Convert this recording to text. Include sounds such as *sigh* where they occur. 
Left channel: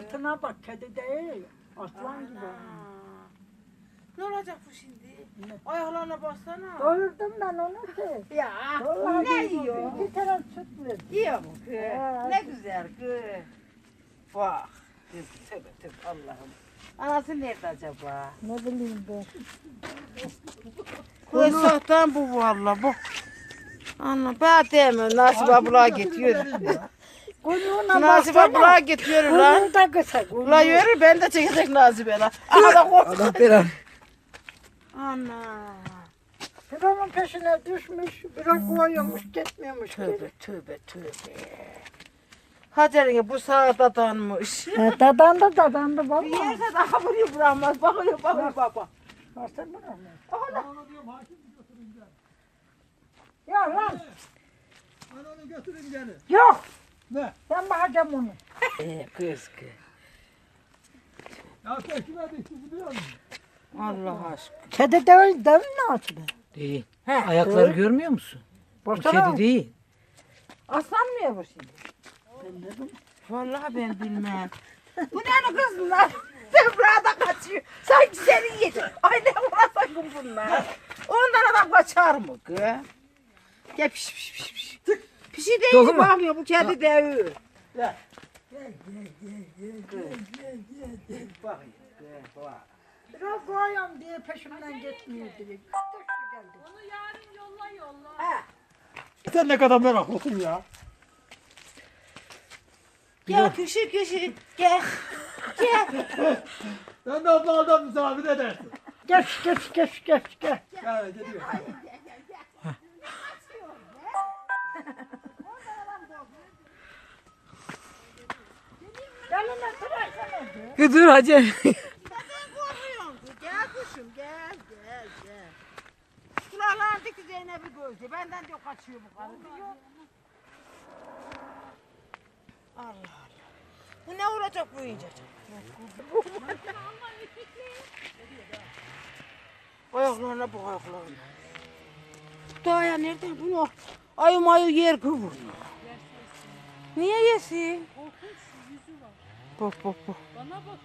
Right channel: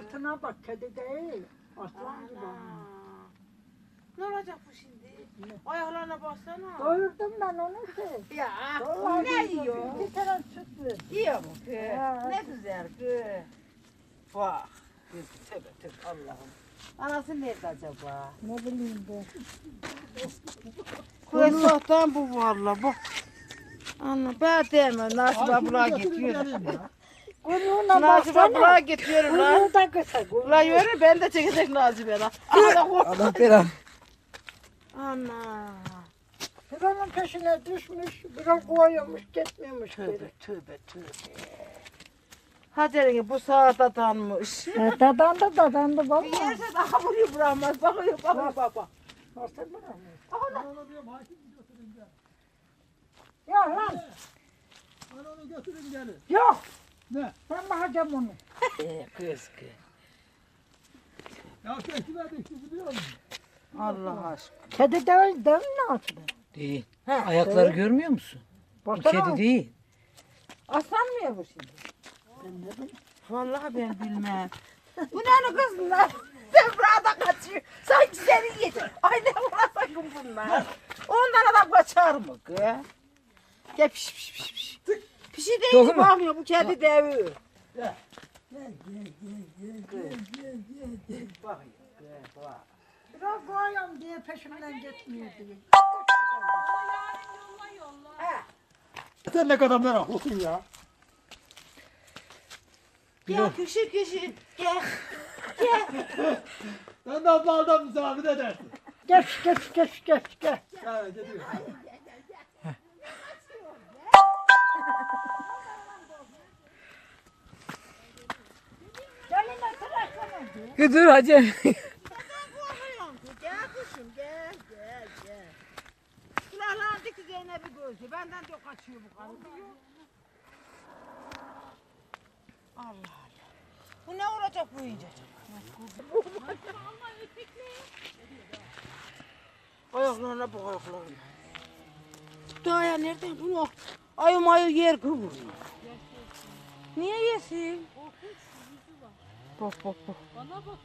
Sırtına bak kedi değil. Aslan gibi. Ana. Ne olacak bu şimdi? Ayaklarına baksana. Doyurdum ben onu ki. Ya Vallahi ne bir- yiyor? Bir taraf süt ver. Yiyor mu kız? Evet. Ne güzel kız. Bak. Kız, Tövbe tövbe Allah'ım. Anası nerede acaba? Ne bileyim ben. Kız sahtan bu valla bu. Anla ben demiyorum Nasip abla gidiyor. Kuyruğuna Nasip baksana. abla gidiyor lan. Kuyruğu da kısa. Ula yürü ben de çekecek Nasip'e lan. *laughs* Ana kork. Allah belanı. Ana. Bir onun peşine düşmüş. Biraz koyuyormuş gitmiyormuş Tövbe geri. tövbe tövbe. Hacer'in bu sağa dadanmış. E, dadandı dadandı Bir valla. yerse daha buraya bırakmaz. Bakıyor bakıyor bak bak. Baksana bana. Ya lan. Onu götürün gelin. Yok. Ne? Ben bakacağım onu. *laughs* Ee, kız kız. Ya biliyor musun? Allah aşkına. Kedi değil değil mi aslında? Değil. He, Ayakları değil. görmüyor musun? Bu Baksana. kedi değil. Aslan mı ya bu şimdi? Ben dedim. Vallahi ben bilmem. *laughs* bu ne kız? *laughs* Sen burada kaçıyor. Sanki seni yiyecek. Ay ne ulan sakın bunlar. Ondan adam kaçar mı kız? Gel piş piş piş piş. Bir şey değil Doğru mu? bakmıyor bu kedi devi. Gel. Bak ya, bak. Biraz koyuyorum diye peşimden gitmiyor diye. Sen ne kadar meraklısın ya. Ya kişi kişi gel. Gel. Sen de abladan misafir edersin. Geç geç geç geç geç. Ya gidiyor. Dur hacı. *laughs* Gel kuşum gel gel gel. Kulaklardaki Zeynep'i gözü. Benden de kaçıyor bu karı. Allah Allah. Bu ne olacak bu iyice? *laughs* ayaklarına bak ayaklarına. Daha ya nereden bunu? Ayı mayı yer kıvırıyor. Niye yesin? Bak bak bak. Bana bak